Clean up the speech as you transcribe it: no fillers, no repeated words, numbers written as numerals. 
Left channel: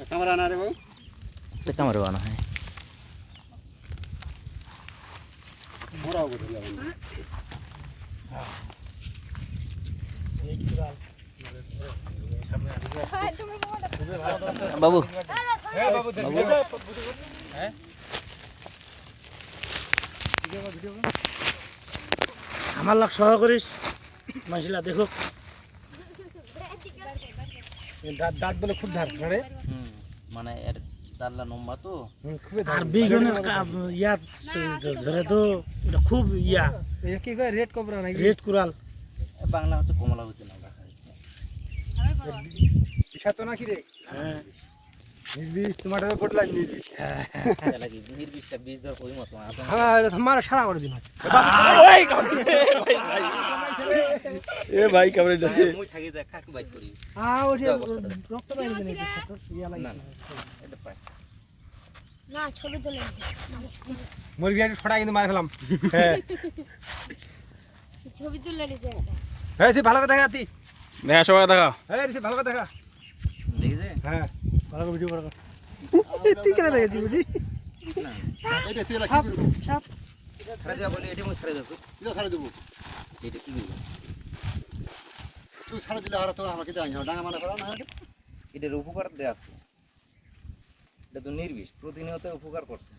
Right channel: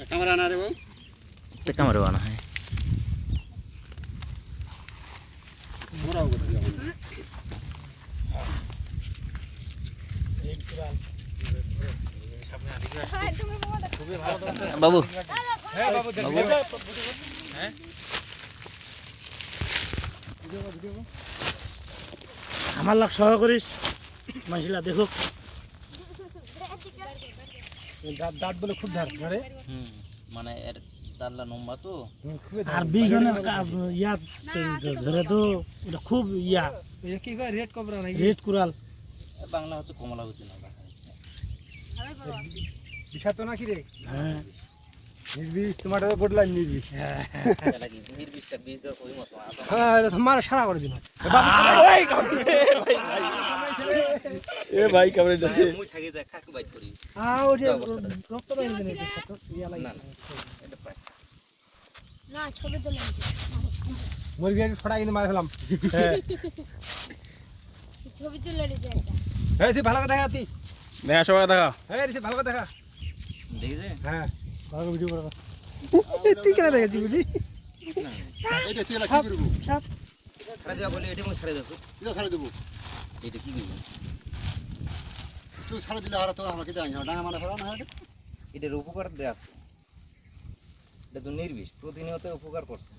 camera না রে ভাই তো ক্যামেরা বানা হয় মোরাও করে দিলাম বাবু বাবু হ্যাঁ আমার লাগ সহায় করিস মাইছিলা দেখো দাঁত বলে খুব ধার রে মানে এর দাল্লা লম্বা তো আর বিগনের ইয়া ধরে তো এটা খুব ইয়া কি কয় রেড কোবরা নাকি রেড কুরাল বাংলা হচ্ছে কমলা হচ্ছে না বিষা তো নাকি রে হ্যাঁ নির্বিষ তোমাদের বদলাই নির্বিষ লাগি বীর বিষটা বীজ দেওয়ার ওই মতো হ্যাঁ এটা তোমার সারা করে দিন এ ভাই কামড়ে মুই থাকি দেখ কাকু বাইট করি হ্যাঁ ওটা রক্ত বাইরে দেন এটা ছোট ইয়া লাগে না না এটা পায় না ছবি তুলে মুরগি একটু ছড়া কিন্তু মার ফেলাম হ্যাঁ ছবি তুলে নিছে একটা হ্যাঁ সে ভালো করে দেখা তুই দেখা সবাই দেখা হ্যাঁ সে ভালো করে দেখা দেখেছে হ্যাঁ ভালো ভিডিও করো তুই কেন দেখেছিস বুঝি না এটা তুই কি করব সাপ ছাড়া দেওয়া বলে এটা মই ছাড়া দেবো তুই ছাড়া দেব এটা কি করব তুই ছাড়া দিলে আর তো আমাকে দেয় না ডাঙা মানে করা না এটার উপকার দেয়া আছে এটা তো নির্বিষ প্রতিনিয়ত উপকার করছে